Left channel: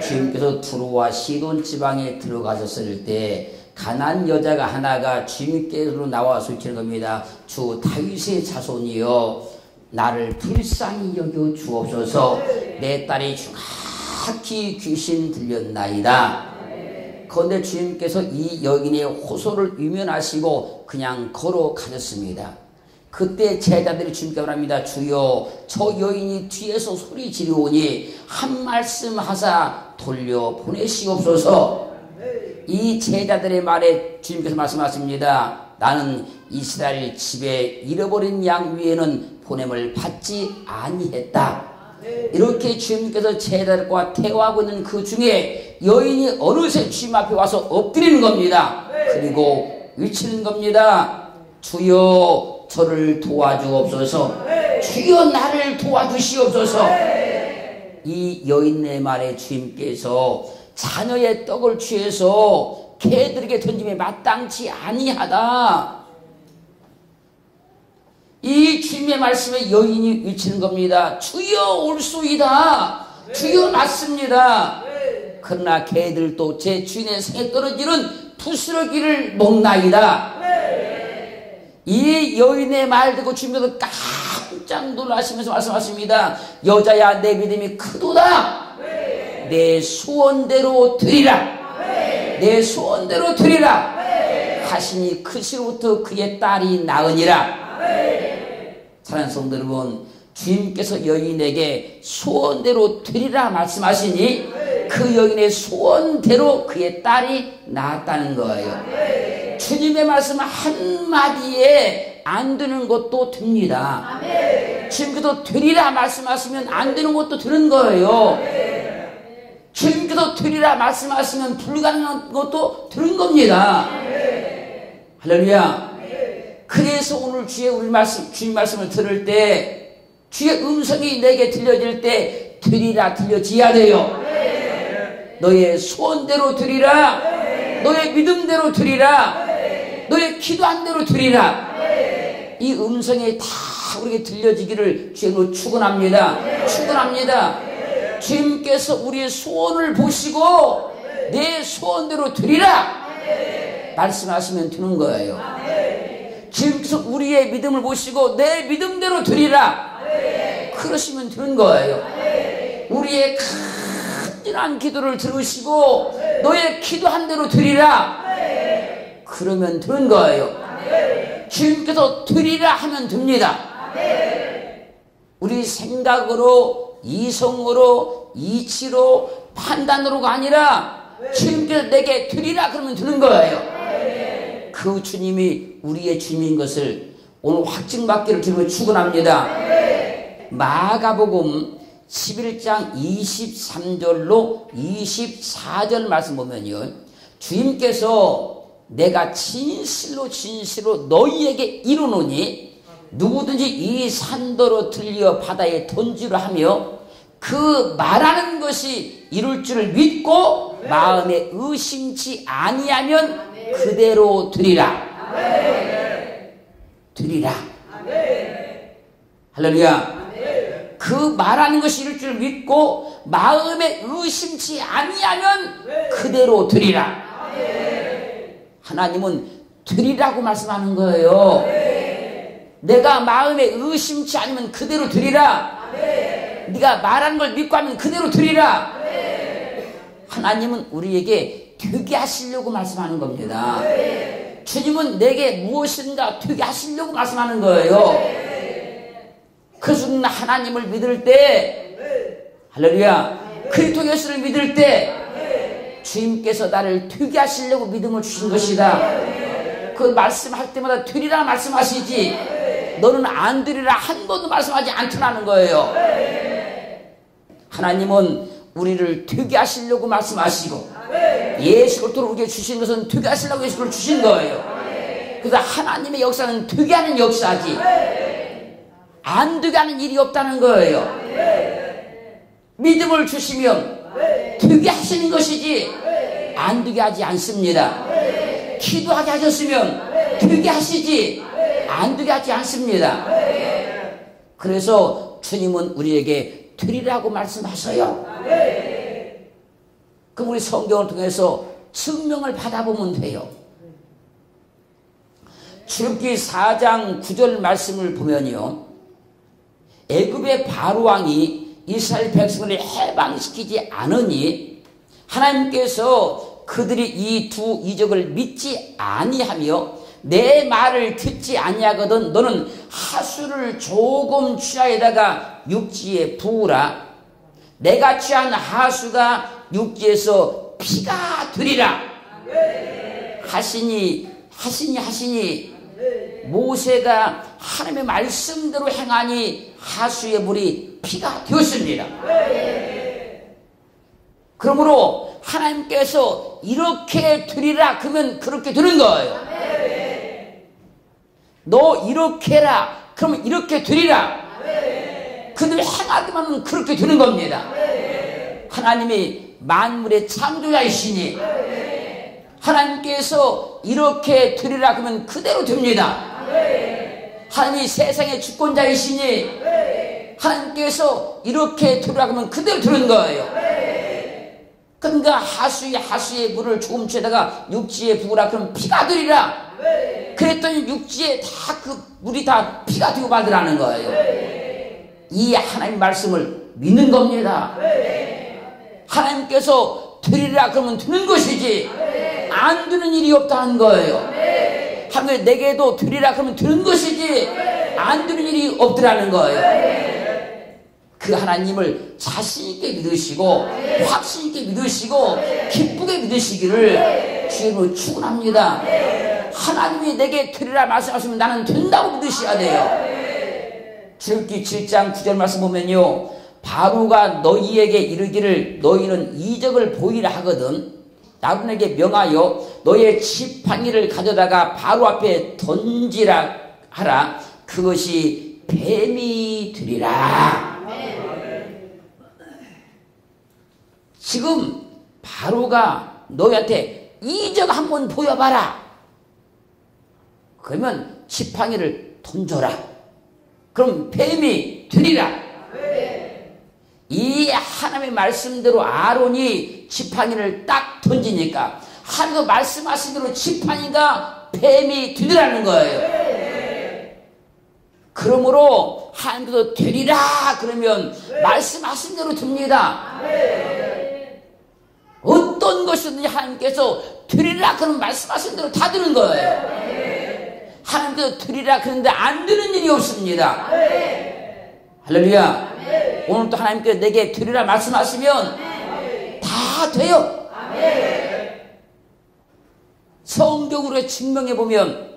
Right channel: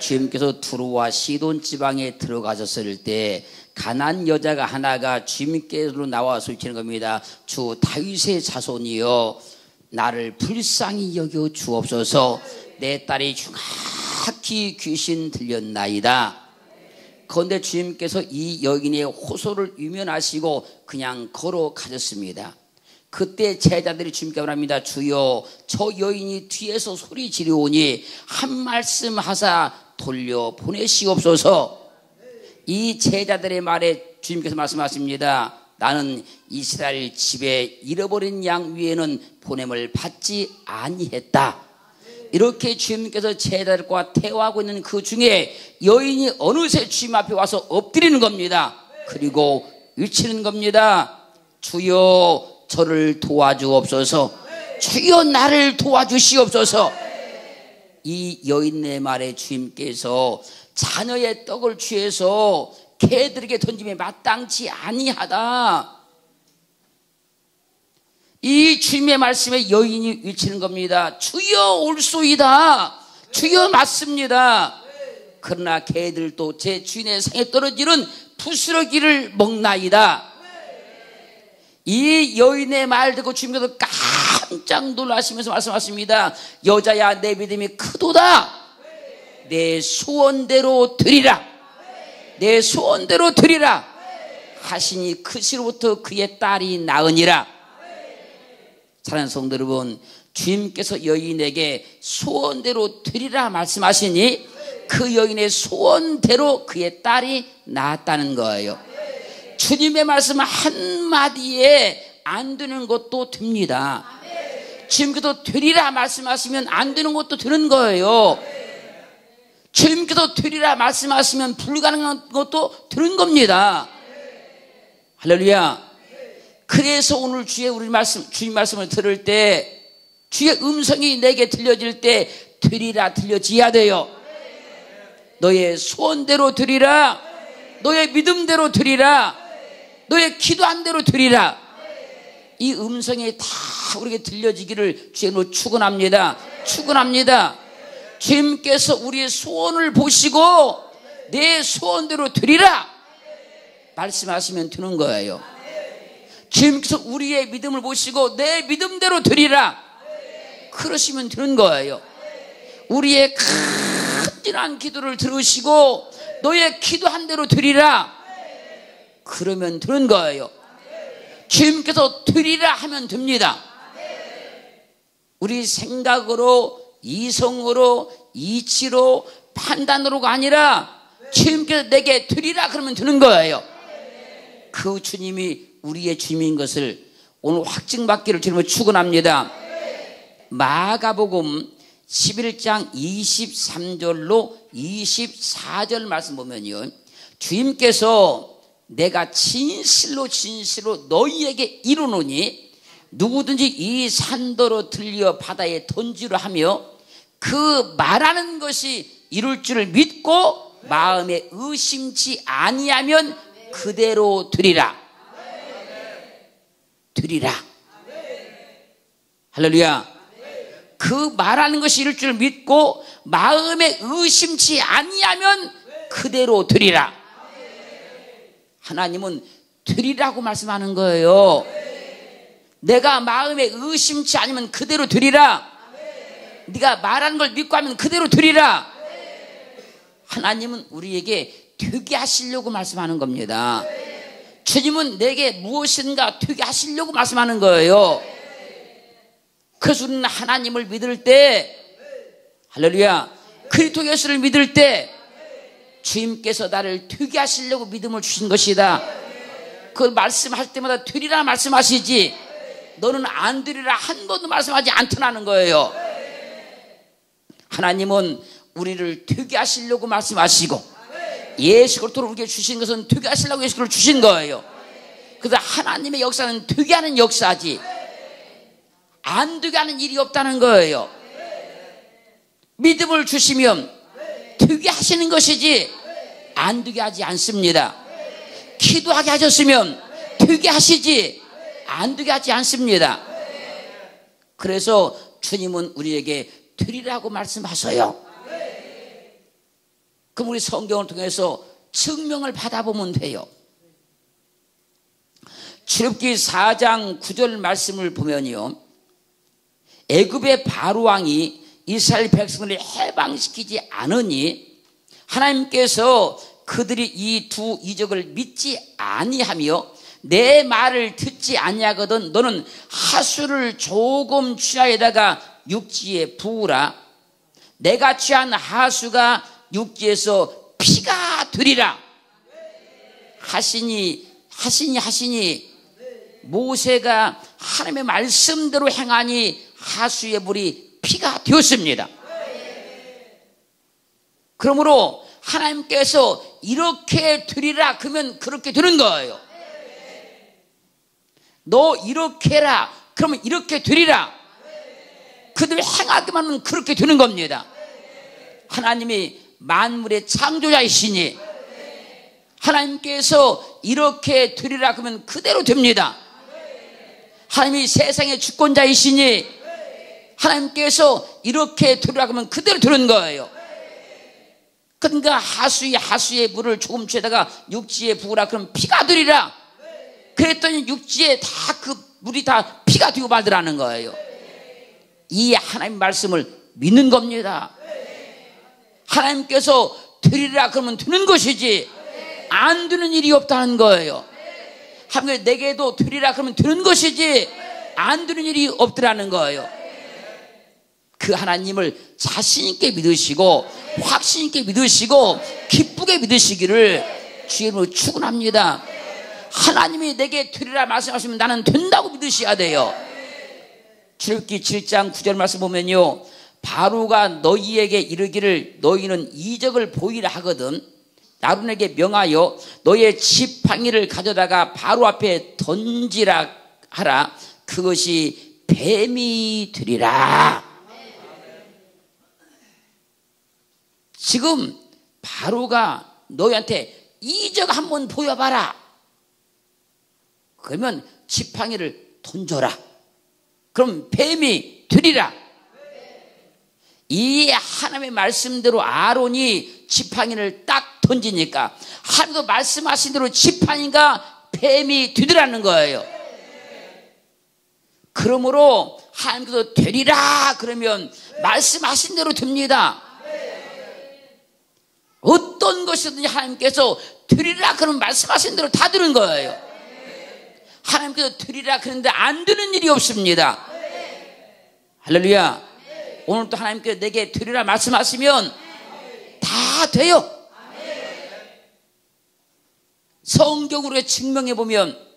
주님께서 두로와 시돈 지방에 들어가셨을 때 가난 여자가 하나가 주님께로 나와서 외치는 겁니다. 주 다윗의 자손이여 나를 불쌍히 여겨 주옵소서. 내 딸이 흉악히 귀신 들렸나이다. 그런데 주님께서 이 여인의 호소를 유면하시고 그냥 걸어가셨습니다. 그때 제자들이 주님께 말합니다. 주여 저 여인이 뒤에서 소리 지르오니 한 말씀 하사 돌려보내시옵소서. 이 제자들의 말에 주님께서 말씀하십니다. 나는 이스라엘 집에 잃어버린 양 위에는 보냄을 받지 아니했다. 이렇게 주님께서 제자들과 대화하고 있는 그 중에 여인이 어느새 주님 앞에 와서 엎드리는 겁니다. 그리고 외치는 겁니다. 주여 저를 도와주옵소서. 주여 나를 도와주시옵소서. 이 여인의 말에 주님께서 자녀의 떡을 취해서 개들에게 던짐에 마땅치 아니하다. 이 주님의 말씀에 여인이 외치는 겁니다. 주여 올소이다. 주여 맞습니다. 그러나 개들도 제 주인의 상에 떨어지는 부스러기를 먹나이다. 이 여인의 말 듣고 주님께서 깜짝 놀라시면서 말씀하십니다. 여자야 내 믿음이 크도다. 내 소원대로 드리라. 내 소원대로 드리라 하시니 그 시로부터 그의 딸이 나으니라. 사랑하는 성도 여러분, 주님께서 여인에게 소원대로 드리라 말씀하시니 그 여인의 소원대로 그의 딸이 낳았다는 거예요. 주님의 말씀 한마디에 안 되는 것도 됩니다. 주님께서 되리라 말씀하시면 안 되는 것도 되는 거예요. 주님께서 되리라 말씀하시면 불가능한 것도 되는 겁니다. 할렐루야. 그래서 오늘 주님 말씀을 들을 때 주의 음성이 내게 들려질 때 되리라 들려져야 돼요. 너의 소원대로 드리라. 너의 믿음대로 드리라. 너의 기도한 대로 드리라. 이 음성이 다 우리에게 들려지기를 주님으로 축원합니다. 축원합니다. 주님께서 우리의 소원을 보시고 내 소원대로 드리라 말씀하시면 되는 거예요. 주님께서 우리의 믿음을 보시고 내 믿음대로 드리라 그러시면 되는 거예요. 우리의 간절한 기도를 들으시고 너의 기도한 대로 드리라 그러면 되는 거예요. 주님께서 드리라 하면 됩니다. 우리 생각으로 이성으로 이치로 판단으로가 아니라 주님께서 내게 드리라 그러면 되는 거예요. 그 주님이 우리의 주님인 것을 오늘 확증받기를 주님을 축원합니다. 마가복음 11장 23절로 24절 말씀 보면요, 주님께서 내가 진실로 너희에게 이르노니 누구든지 이 산더러 들려 바다에 던지려 하며 그 말하는 것이 이룰 줄을 믿고 마음에 의심치 아니하면 그대로 드리라. 드리라. 할렐루야. 그 말하는 것이 이룰 줄 믿고 마음에 의심치 아니하면 그대로 드리라. 하나님은 드리라고 말씀하는 거예요. 내가 마음에 의심치 않으면 그대로 드리라. 네가 말하는 걸 믿고 하면 그대로 드리라. 하나님은 우리에게 되게 하시려고 말씀하는 겁니다. 주님은 내게 무엇인가 되게 하시려고 말씀하는 거예요. 그래서 우리는 하나님을 믿을 때, 할렐루야, 그리스도 예수를 믿을 때 주님께서 나를 되게 하시려고 믿음을 주신 것이다. 그 말씀할 때마다 되리라 말씀하시지 너는 안 되리라 한 번도 말씀하지 않더라는 거예요. 하나님은 우리를 되게 하시려고 말씀하시고 예수 그리스도를 우리에게 주신 것은 되게 하시려고 예수 그리스도를 주신 거예요. 그래서 하나님의 역사는 되게 하는 역사지 안 되게 하는 일이 없다는 거예요. 믿음을 주시면 되게 하시는 것이지 안 되게 하지 않습니다. 기도하게 하셨으면 되게 하시지 안 되게 하지 않습니다. 그래서 주님은 우리에게 되리라고 말씀하셔요. 그럼 우리 성경을 통해서 증명을 받아보면 돼요. 출애굽기 4장 9절 말씀을 보면요, 애굽의 바로 왕이 이스라엘 백성을 해방시키지 않으니 하나님께서 그들이 이 두 이적을 믿지 아니하며 내 말을 듣지 아니하거든 너는 하수를 조금 취하에다가 육지에 부으라. 내가 취한 하수가 육지에서 피가 되리라 하시니 모세가 하나님의 말씀대로 행하니 하수의 물이 피가 되었습니다. 그러므로 하나님께서 이렇게 되리라 그러면 그렇게 되는 거예요. 너 이렇게 해라 그러면 이렇게 되리라. 그들 행하기만 하면 그렇게 되는 겁니다. 하나님이 만물의 창조자이시니 하나님께서 이렇게 되리라 그러면 그대로 됩니다. 하나님이 세상의 주권자이시니 하나님께서 이렇게 되리라 그러면 그대로 되는 거예요. 그러니까 하수의 물을 조금 취에다가 육지에 부으라 그러면 피가 되리라. 그랬더니 육지에 다 그 물이 다 피가 되고 말더라는 거예요. 이 하나님 말씀을 믿는 겁니다. 하나님께서 되리라 그러면 되는 것이지 안 되는 일이 없다는 거예요. 하나님 내게도 되리라 그러면 되는 것이지 안 되는 일이 없더라는 거예요. 그 하나님을 자신있게 믿으시고 확신있게 믿으시고 기쁘게 믿으시기를 주님으로 축원합니다. 하나님이 내게 되리라 말씀하시면 나는 된다고 믿으셔야 돼요. 출애굽기 7장 9절 말씀 보면요, 바로가 너희에게 이르기를 너희는 이적을 보이라 하거든 아론에게 명하여 너희의 지팡이를 가져다가 바로 앞에 던지라 하라. 그것이 뱀이 되리라. 지금 바로가 너희한테 이적 한번 보여봐라. 그러면 지팡이를 던져라. 그럼 뱀이 되리라. 이 하나님의 말씀대로 아론이 지팡이를 딱 던지니까 하나님도 말씀하신 대로 지팡이가 뱀이 되더라는 거예요. 그러므로 하나님께서 되리라 그러면 말씀하신 대로 됩니다. 어떤 것이든지 하나님께서 되리라 그러면 말씀하신 대로 다 되는 거예요. 하나님께서 되리라 그런데 안 되는 일이 없습니다. 할렐루야. 오늘도 하나님께서 내게 되리라 말씀하시면 다 돼요. 성경으로 증명해 보면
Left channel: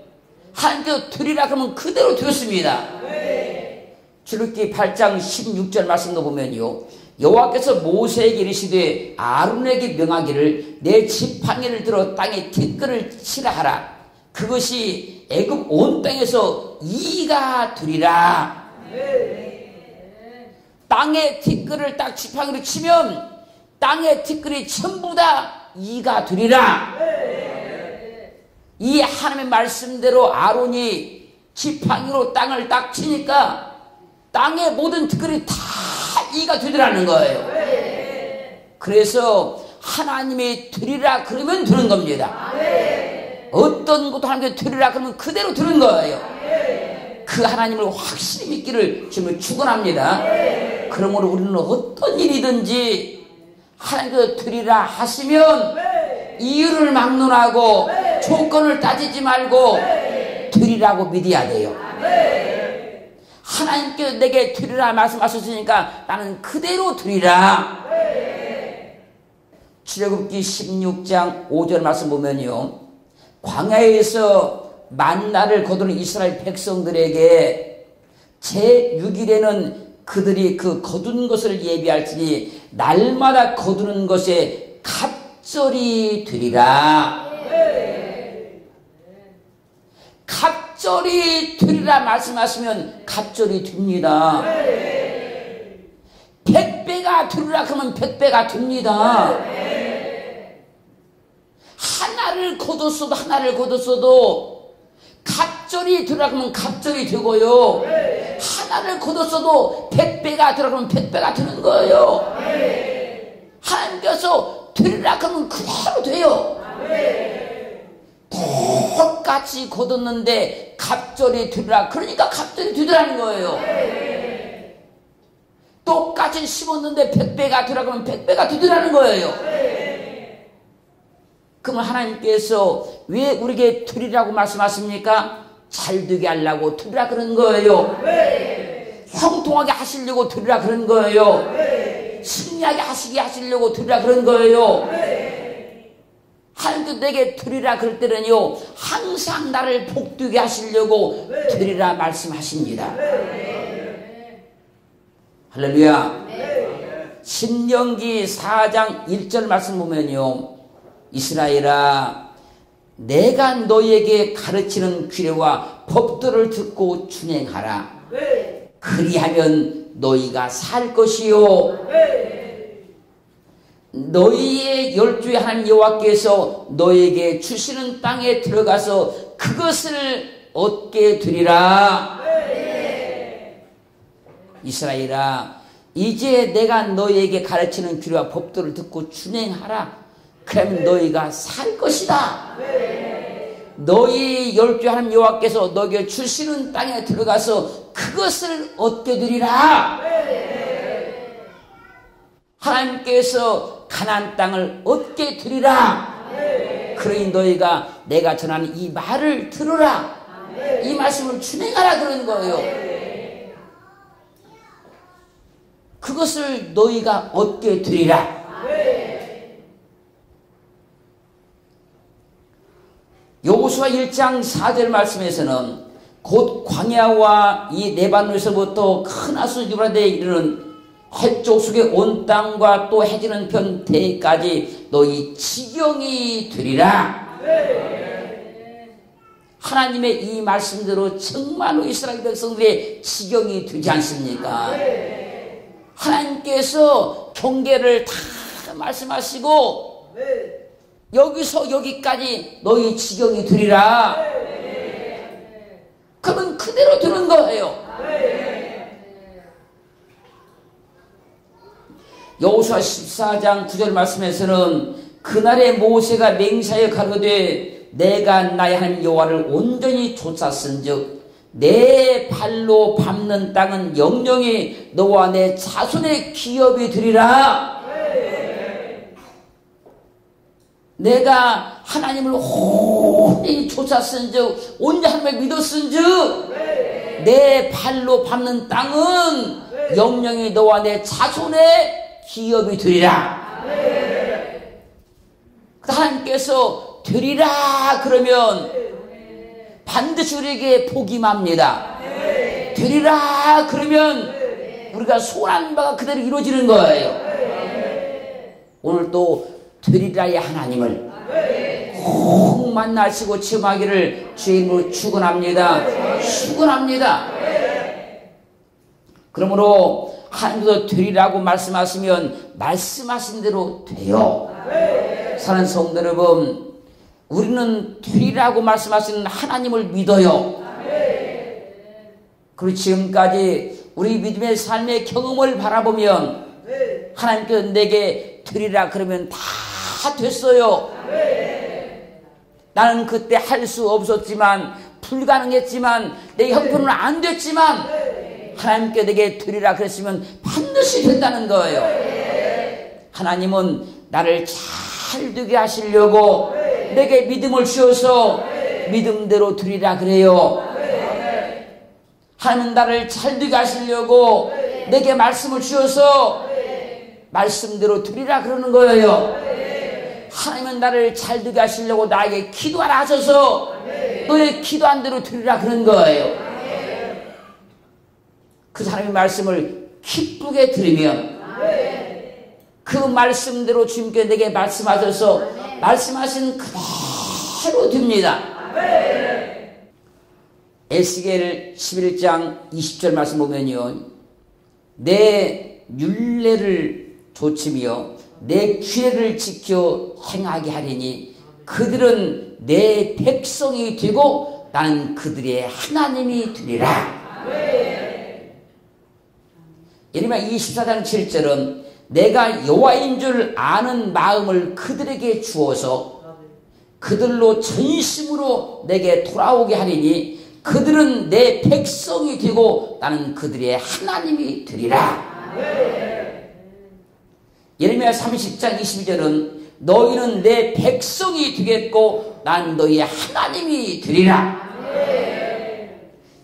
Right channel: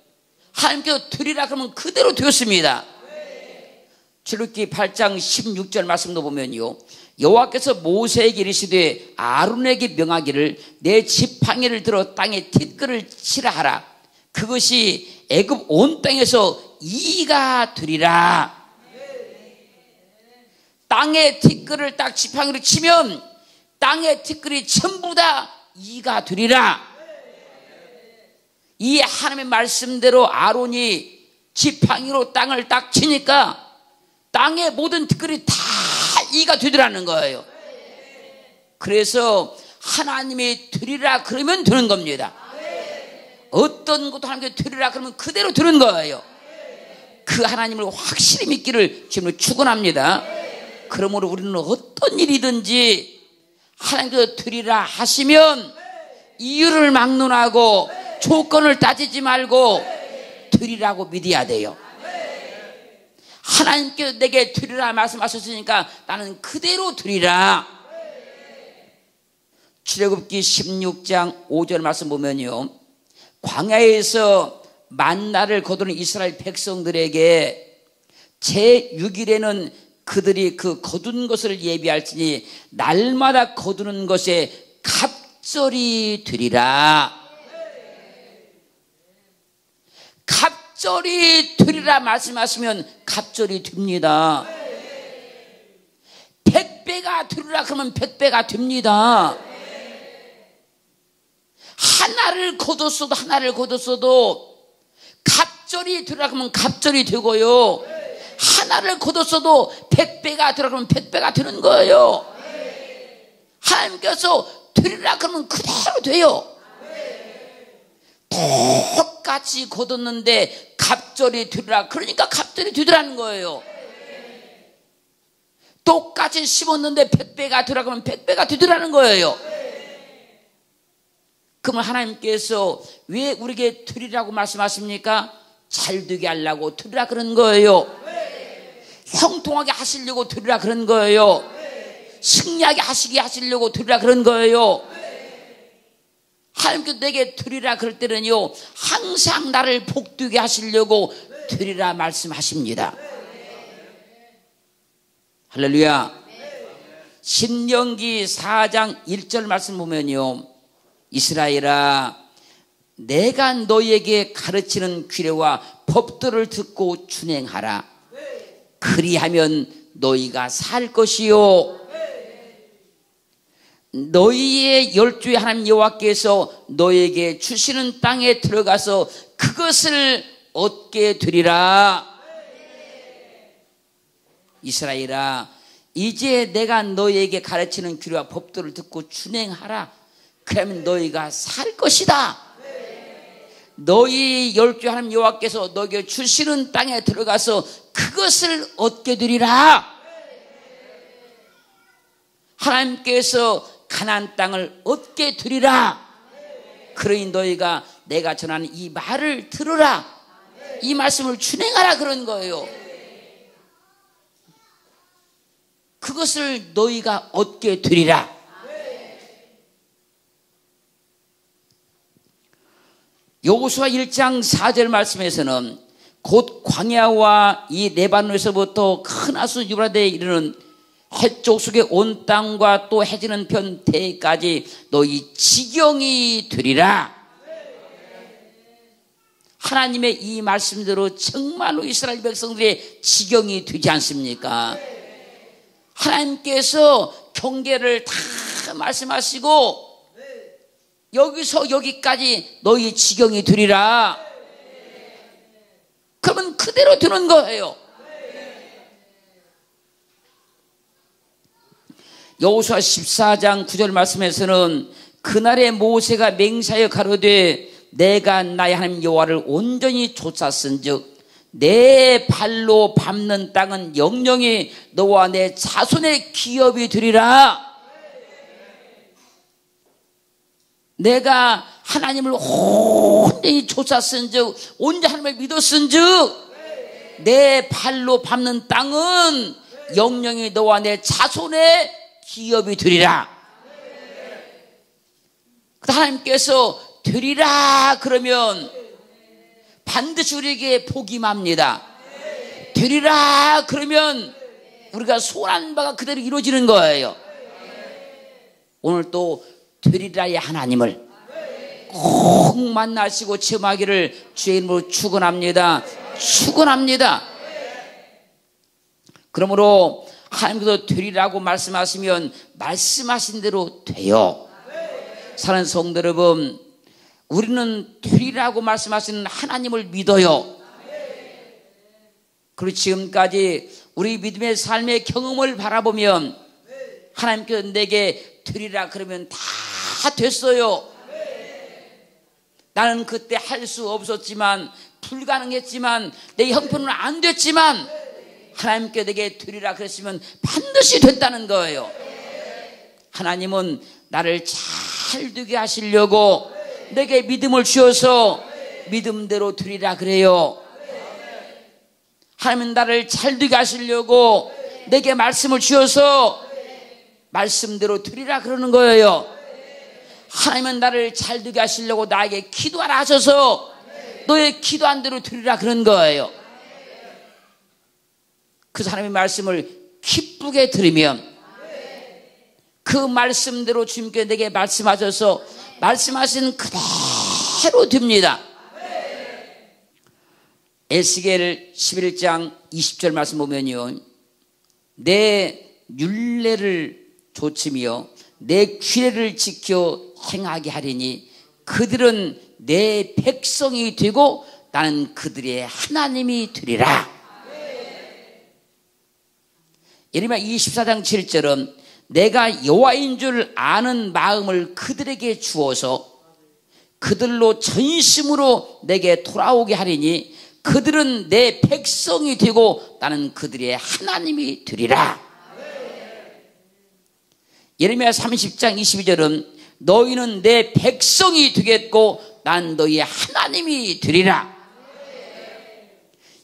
하나님께서 되리라 그러면 그대로 되었습니다. 출애굽기 8장 16절 말씀도 보면요, 여호와께서 모세에게 이르시되 아론에게 명하기를 내 지팡이를 들어 땅에 티끌을 치라 하라. 그것이 애굽 온 땅에서 이가 되리라. 땅에 티끌을 딱 지팡이로 치면 땅의 티끌이 전부 다 이가 되리라. 이 하나님의 말씀대로 아론이 지팡이로 땅을 딱 치니까 땅의 모든 티끌이 다 이가 되더라는 거예요. 그래서 하나님이 되리라 그러면 되는 겁니다. 어떤 것도 하나님께 되리라 그러면 그대로 되는 거예요. 그 하나님을 확실히 믿기를 지금 축원합니다. 그러므로 우리는 어떤 일이든지 하나님께서 되리라 하시면 이유를 막론하고 조건을 따지지 말고 되리라고 믿어야 돼요. 하나님께서 내게 되리라 말씀하셨으니까 나는 그대로 되리라. 출애굽기 16장 5절 말씀 보면요, 광야에서 만나를 거두는 이스라엘 백성들에게 제6일에는 그들이 그 거둔 것을 예비할지니 날마다 거두는 것에 갑절이 되리라. 갑절이 되리라 말씀하시면 갑절이 됩니다. 100배가 되리라 그러면 100배가 됩니다. 하나를 거뒀어도 갑절이 되리라 그러면 갑절이 되고요, 하나를 거뒀어도 100배가 되리라 그러면 100배가 되는 거예요. 하나님께서 들으라 그러면 그대로 돼요. 똑같이 거뒀는데 갑절이 들으라 그러니까 갑절이 되더라는 거예요. 똑같이 심었는데 100배가 되라 그러면 100배가 되더라는 거예요. 그러면 하나님께서 왜 우리에게 들으라고 말씀하십니까? 잘 되게 하려고 들으라 그런 거예요. 형통하게 하시려고 들으라 그런 거예요. 승리하게 하시려고 들으라 그런 거예요. 하나님께서 내게 들으라 그럴 때는요, 항상 나를 복되게 하시려고 들으라 말씀하십니다. 할렐루야. 신명기 4장 1절 말씀 보면요, 이스라엘아, 내가 너희에게 가르치는 규례와 법도를 듣고 준행하라. 그리하면 너희가 살 것이요, 너희의 열주의 하나님 여호와께서 너희에게 주시는 땅에 들어가서 그것을 얻게 되리라. 이스라엘아, 이제 내가 너희에게 가르치는 규례와 법도를 듣고 준행하라. 그러면 너희가 살 것이다. 너희 열주의 하나님 여호와께서 너희에게 주시는 땅에 들어가서 그것을 얻게 되리라. 하나님께서 가나안 땅을 얻게 되리라. 그러니 너희가 내가 전하는 이 말을 들으라. 이 말씀을 준행하라 그런 거예요. 그것을 너희가 얻게 되리라. 여호수아 1장 4절 말씀에서는 곧 광야와 이 레바논에서부터 큰 하수 유브라데에 이르는 해쪽 속의 온 땅과 또 해지는 변태까지 너희 지경이 되리라. 하나님의 이 말씀대로 정말로 이스라엘 백성들의 지경이 되지 않습니까? 하나님께서 경계를 다 말씀하시고 여기서 여기까지 너희 지경이 되리라. 그러면 그대로 되는 거예요. 여호수아 14장 9절 말씀에서는 그날에 모세가 맹세하여 가로되 내가 나의 하나님 여호와를 온전히 쫓았은즉 내 발로 밟는 땅은 영영이 너와 내 자손의 기업이 되리라. 내가 하나님을 온전히 쫓았은즉 온전히 하나님을 믿었은즉 내 발로 밟는 땅은 영영이 너와 내 자손의 기업이 되리라. 하나님께서 되리라 그러면 반드시 우리에게 복이 맙니다. 되리라 그러면 우리가 소원한 바가 그대로 이루어지는 거예요. 오늘도 되리라의 하나님을 꼭 만나시고 체험하기를 주의 이름으로 축원합니다. 축원합니다. 그러므로 하나님께서 되리라고 말씀하시면 말씀하신 대로 돼요. 사랑하는 성도 여러분, 우리는 되리라고 말씀하시는 하나님을 믿어요. 그리고 지금까지 우리 믿음의 삶의 경험을 바라보면 하나님께서 내게 되리라 그러면 다 됐어요. 나는 그때 할 수 없었지만, 불가능했지만, 내 형편은 안 됐지만 하나님께 내게 되리라 그랬으면 반드시 됐다는 거예요. 하나님은 나를 잘 되게 하시려고 내게 믿음을 주셔서 믿음대로 되리라 그래요. 하나님은 나를 잘 되게 하시려고 내게 말씀을 주셔서 말씀대로 되리라 그러는 거예요. 하나님은 나를 잘 되게 하시려고 나에게 기도하라 하셔서 너의 기도한 대로 되리라 그런 거예요. 그 사람의 말씀을 기쁘게 들으면 그 말씀대로 주님께 내게 말씀하셔서 말씀하시는 그대로 됩니다. 에스겔 11장 20절 말씀 보면요, 내 율례를 조치며 내 규례를 지켜 행하게 하리니 그들은 내 백성이 되고 난 그들의 하나님이 되리라. 예레미야 24장 7절은 내가 여호와인 줄 아는 마음을 그들에게 주어서 그들로 전심으로 내게 돌아오게 하리니 그들은 내 백성이 되고 나는 그들의 하나님이 되리라. 예레미야 30장 22절은 너희는 내 백성이 되겠고 난 너희의 하나님이 되리라.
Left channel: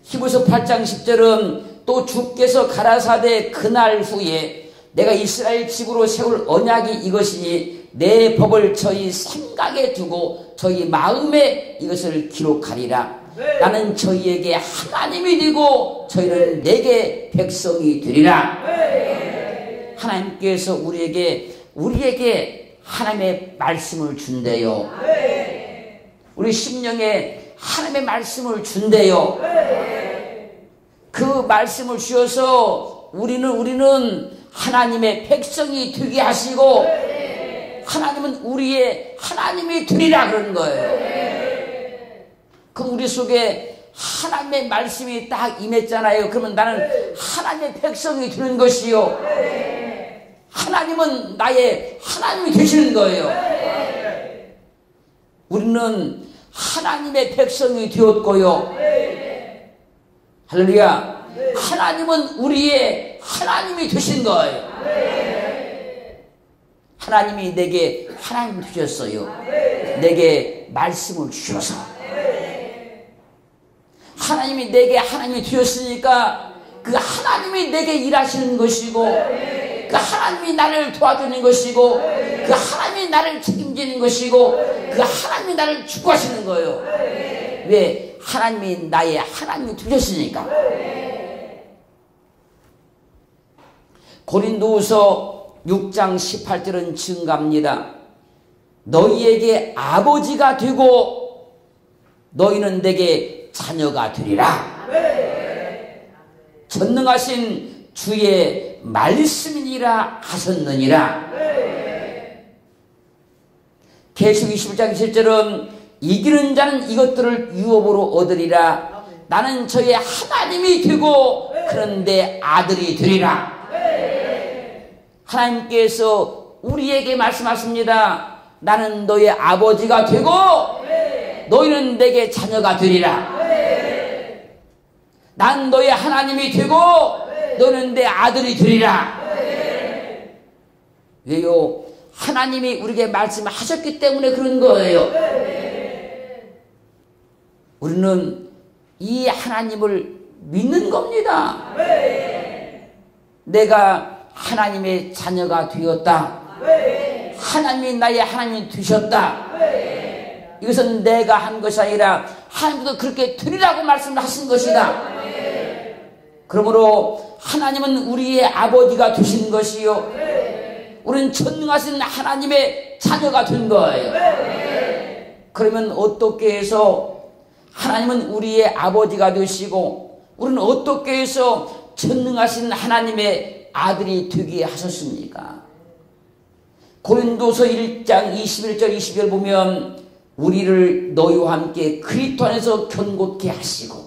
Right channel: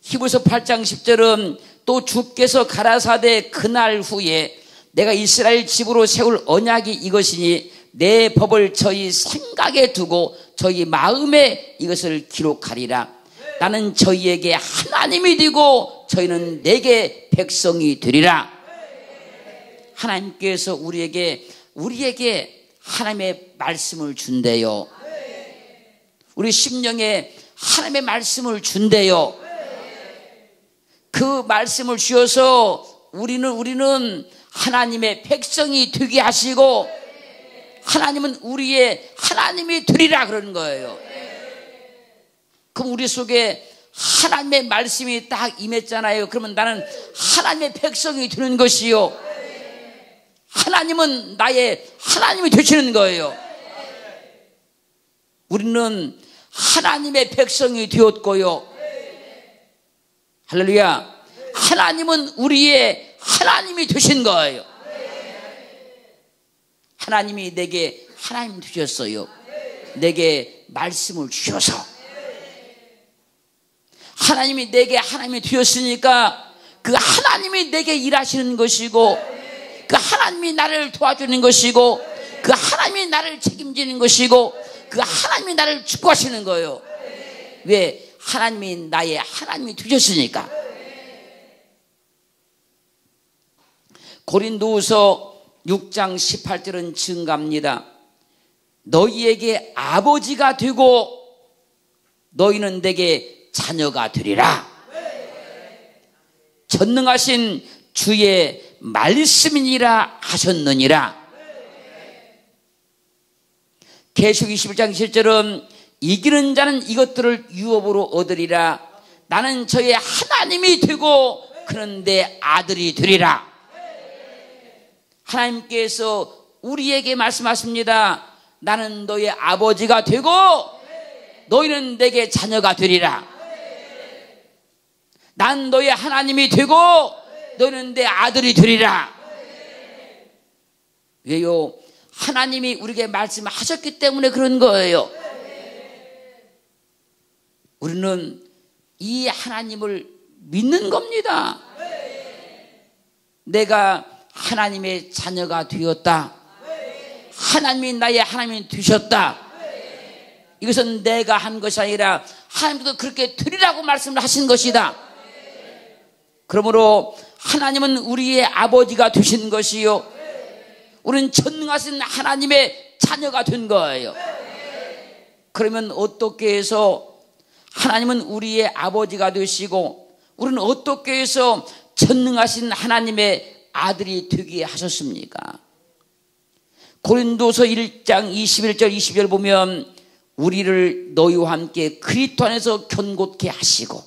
히브리서 8장 10절은 또 주께서 가라사대 그날 후에 내가 이스라엘 집으로 세울 언약이 이것이니 내 법을 저희 생각에 두고 저희 마음에 이것을 기록하리라. 나는 저희에게 하나님이 되고 저희는 내게 백성이 되리라. 하나님께서 우리에게 하나님의 말씀을 준대요. 우리 심령에 하나님의 말씀을 준대요. 그 말씀을 주셔서 우리는 하나님의 백성이 되게 하시고 하나님은 우리의 하나님이 되리라 그러는 거예요. 그럼 우리 속에 하나님의 말씀이 딱 임했잖아요. 그러면 나는 하나님의 백성이 되는 것이요. 하나님은 나의 하나님이 되시는 거예요. 우리는 하나님의 백성이 되었고요. 할렐루야. 하나님은 우리의 하나님이 되신 거예요. 하나님이 내게 하나님 되셨어요. 내게 말씀을 주셔서. 하나님이 내게 하나님이 되었으니까 그 하나님이 내게 일하시는 것이고 그 하나님이 나를 도와주는 것이고 그 하나님이 나를 책임지는 것이고 그 하나님이 나를 축복하시는 거예요. 왜? 하나님이 나의 하나님이 되셨으니까. 고린도후서 6장 18절은 증가합니다. 너희에게 아버지가 되고 너희는 내게 자녀가 되리라. 전능하신 주의 말씀이니라 하셨느니라. 계시록 21장 7절은 이기는 자는 이것들을 유업으로 얻으리라. 나는 저의 하나님이 되고 그는 내 아들이 되리라. 하나님께서 우리에게 말씀하십니다. 나는 너의 아버지가 되고 너희는 내게 자녀가 되리라. 난 너의 하나님이 되고 너는 내 아들이 되리라. 왜요? 하나님이 우리에게 말씀하셨기 때문에 그런 거예요. 우리는 이 하나님을 믿는 겁니다. 내가 하나님의 자녀가 되었다. 하나님이 나의 하나님이 되셨다. 이것은 내가 한 것이 아니라 하나님도 그렇게 드리라고 말씀을 하신 것이다. 그러므로 하나님은 우리의 아버지가 되신 것이요, 우리는 전능하신 하나님의 자녀가 된 거예요. 그러면 어떻게 해서 하나님은 우리의 아버지가 되시고 우리는 어떻게 해서 전능하신 하나님의 아들이 되게 하셨습니까? 고린도서 1장 21절 22절 보면 우리를 너희와 함께 그리스도 안에서 견고케 하시고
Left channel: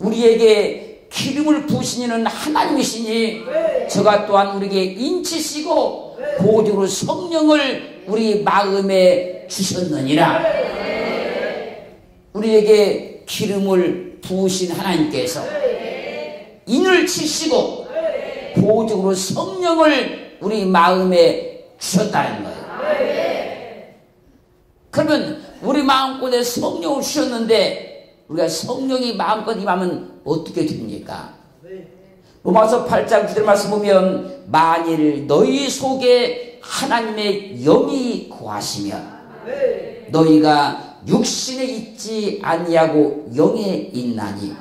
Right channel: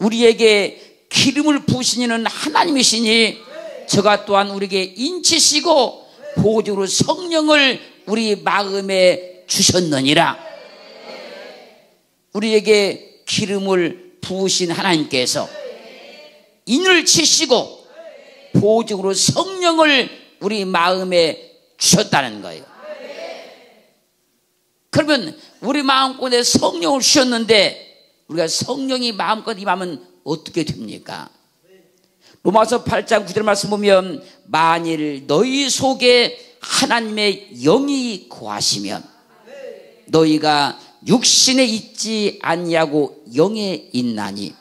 우리에게 기름을 부으신 이는 하나님이시니 저가 또한 우리에게 인치시고 보조로 성령을 우리 마음에 주셨느니라. 우리에게 기름을 부으신 하나님께서 인을 치시고 보조로 성령을 우리 마음에 주셨다는 거예요. 그러면 우리 마음속에 성령을 주셨는데 우리가 성령이 마음껏 임하면 어떻게 됩니까? 로마서 8장 9절 말씀 보면 만일 너희 속에 하나님의 영이 거하시면 너희가 육신에 있지 아니하고 영에 있나니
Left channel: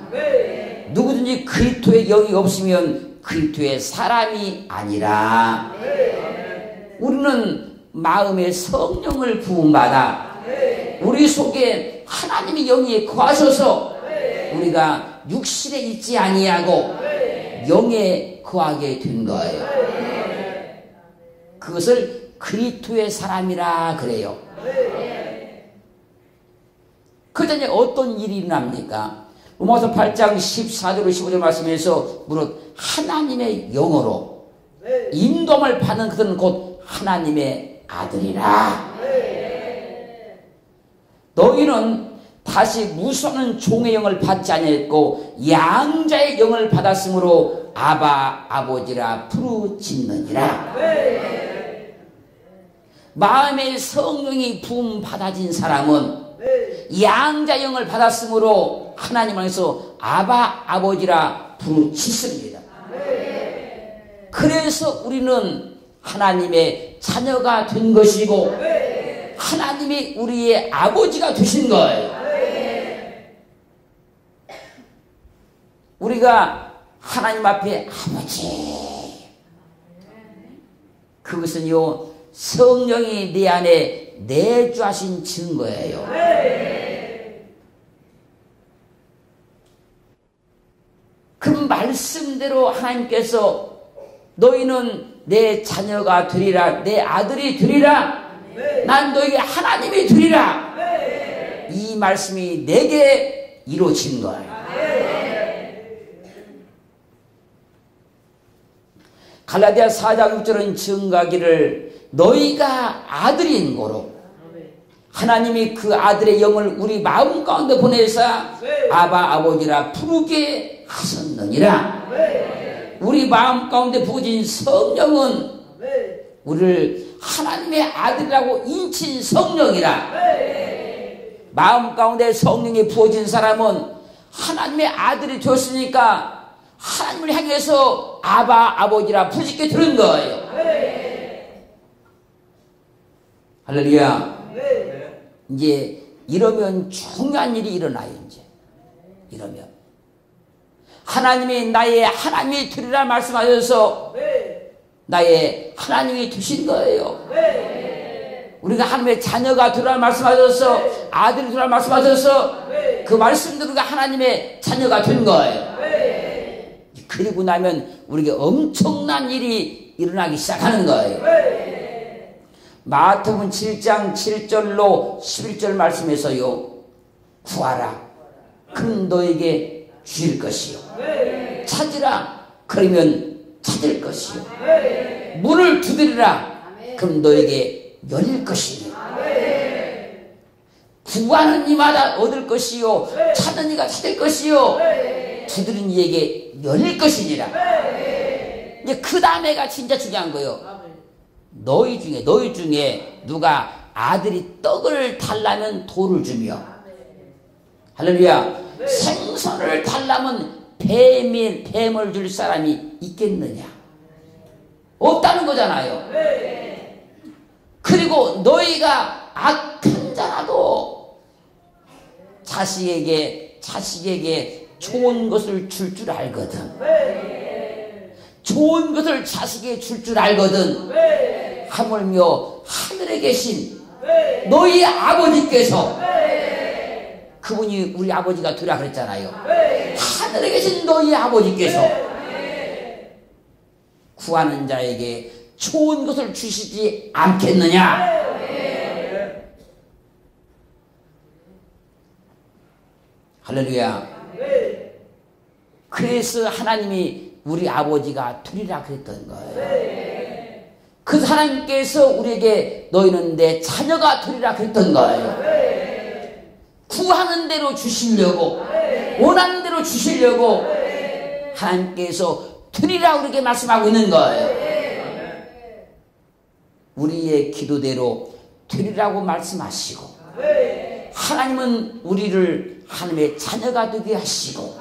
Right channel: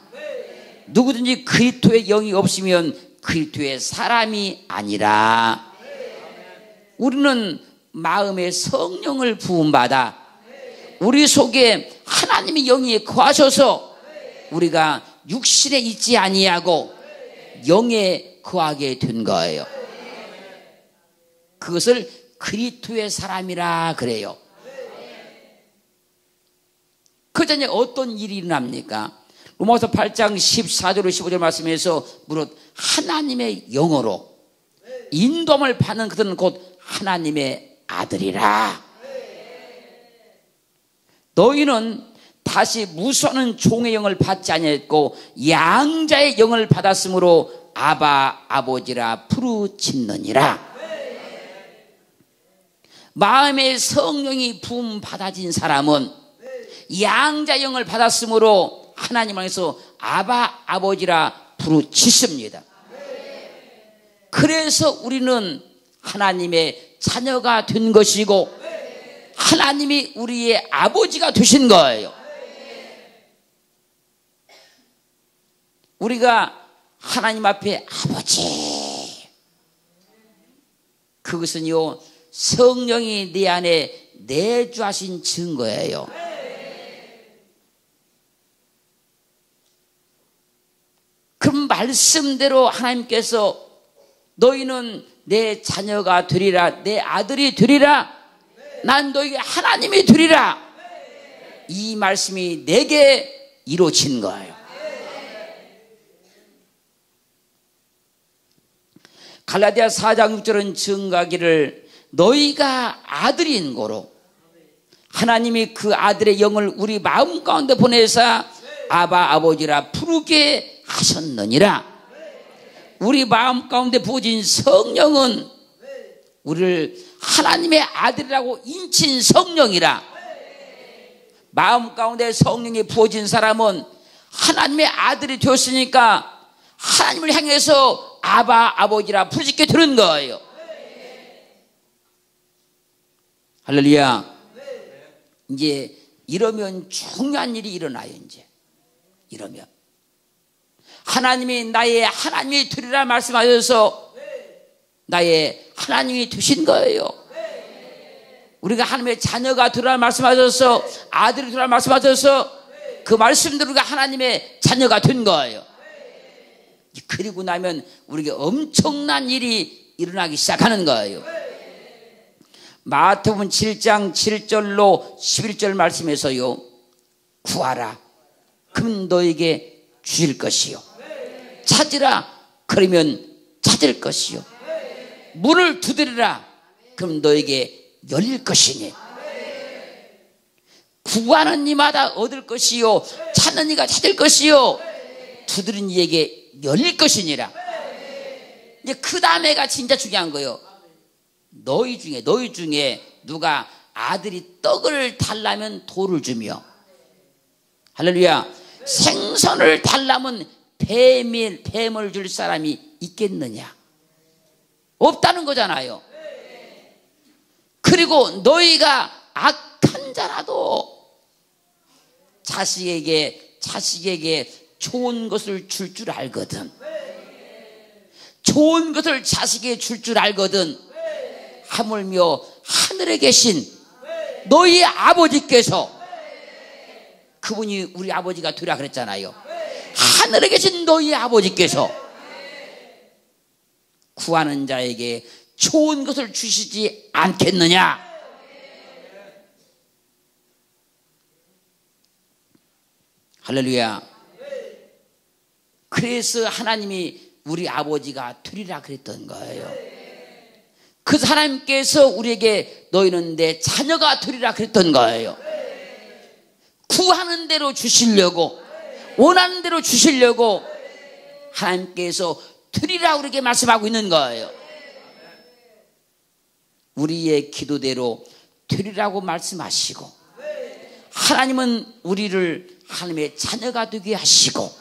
누구든지 그리스도의 영이 없으면 그리스도의 사람이 아니라. 우리는 마음의 성령을 부음받아 우리 속에 하나님의 영이 거하셔서 우리가 육신에 있지 아니하고 영에 거하게 된 거예요. 그것을 그리스도의 사람이라 그래요. 그 전에 어떤 일이 일어납니까? 로마서 8장 14절 15절 말씀에서 무릇 하나님의 영으로 인도함을 받는 그들은 곧 하나님의 아들이라. 너희는 다시 무수하는 종의 영을 받지 아니했고 양자의 영을 받았으므로 아바 아버지라 부르짖느니라. 마음의 성령이 부음 받아진 사람은 양자 영을 받았으므로 하나님 안에서 아바 아버지라 부르짖습니다. 그래서 우리는 하나님의 자녀가 된 것이고 하나님이 우리의 아버지가 되신 거예요. 우리가 하나님 앞에 아버지, 그것은요 성령이 내 안에 내주하신 증거예요. 그 말씀대로 하나님께서 너희는 내 자녀가 되리라, 내 아들이 되리라, 난 너희가 하나님이 되리라, 이 말씀이 내게 이루어진 거예요. 갈라디아 4장 6절은 증가하기를 너희가 아들인 거로 하나님이 그 아들의 영을 우리 마음 가운데 보내사 아바 아버지라 부르게 하셨느니라. 우리 마음 가운데 부어진 성령은 우리를 하나님의 아들이라고 인친 성령이라. 마음 가운데 성령이 부어진 사람은 하나님의 아들이 되었으니까 하나님을 향해서 아바 아버지라 부르짖게 되는 거예요. 할렐루야. 이제 이러면 중요한 일이 일어나요. 이제 이러면 하나님이 나의 하나님이 되리라 말씀하셔서 나의 하나님이 되신 거예요. 우리가 하나님의 자녀가 되리라 말씀하셔서 아들이 되리라 말씀하셔서 그 말씀대로 우리가 하나님의 자녀가 된 거예요. 그리고 나면 우리에게 엄청난 일이 일어나기 시작하는 거예요. 마태복음 7장 7절로 11절 말씀에서요, 구하라 그럼 너에게 주실 것이요, 찾으라 그러면 찾을 것이요, 문을 두드리라 그럼 너에게 열릴 것이니, 구하는 이마다 얻을 것이요, 찾는 이가 찾을 것이요, 두드린 이에게 열릴 것이니라. 이제 그 다음에가 진짜 중요한 거예요. 너희 중에 누가 아들이 떡을 달라면 돌을 주며, 할렐루야, 생선을 달라면 뱀을 줄 사람이 있겠느냐? 없다는 거잖아요. 그리고 너희가 악한 자라도 자식에게 좋은 것을 줄 줄 알거든. 좋은 것을 자식에게 줄 줄 알거든. 하물며 하늘에 계신 너희 아버지께서, 그분이 우리 아버지가 되라 그랬잖아요. 하늘에 계신 너희 아버지께서 구하는 자에게 좋은 것을 주시지 않겠느냐? 할렐루야. 그래서 하나님이 우리 아버지가 되리라 그랬던 거예요. 그 하나님께서 우리에게 너희는 내 자녀가 되리라 그랬던 거예요. 구하는 대로 주시려고, 원하는 대로 주시려고 하나님께서 되리라 우리에게 말씀하고 있는 거예요. 우리의 기도대로 되리라고 말씀하시고, 하나님은 우리를 하나님의 자녀가 되게 하시고,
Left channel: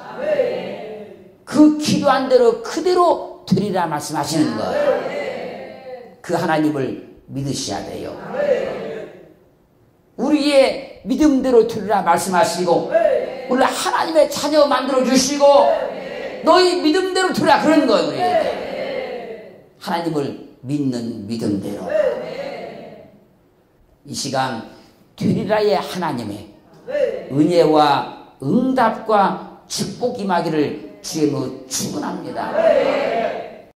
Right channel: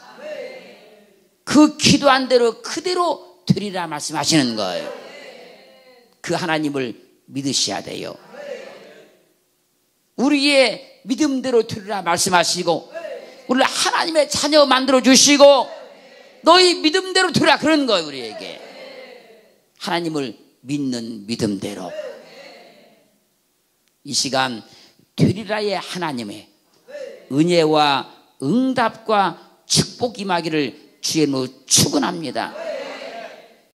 그 기도한 대로 그대로 되리라 말씀하시는 거예요. 그 하나님을 믿으셔야 돼요. 우리의 믿음대로 되리라 말씀하시고, 우리를 하나님의 자녀 만들어 주시고, 너희 믿음대로 되리라 그런 거예요. 우리에게 하나님을 믿는 믿음대로. 이 시간 되리라의 하나님의 은혜와 응답과 축복 임하기를 주의 이름으로 축원합니다.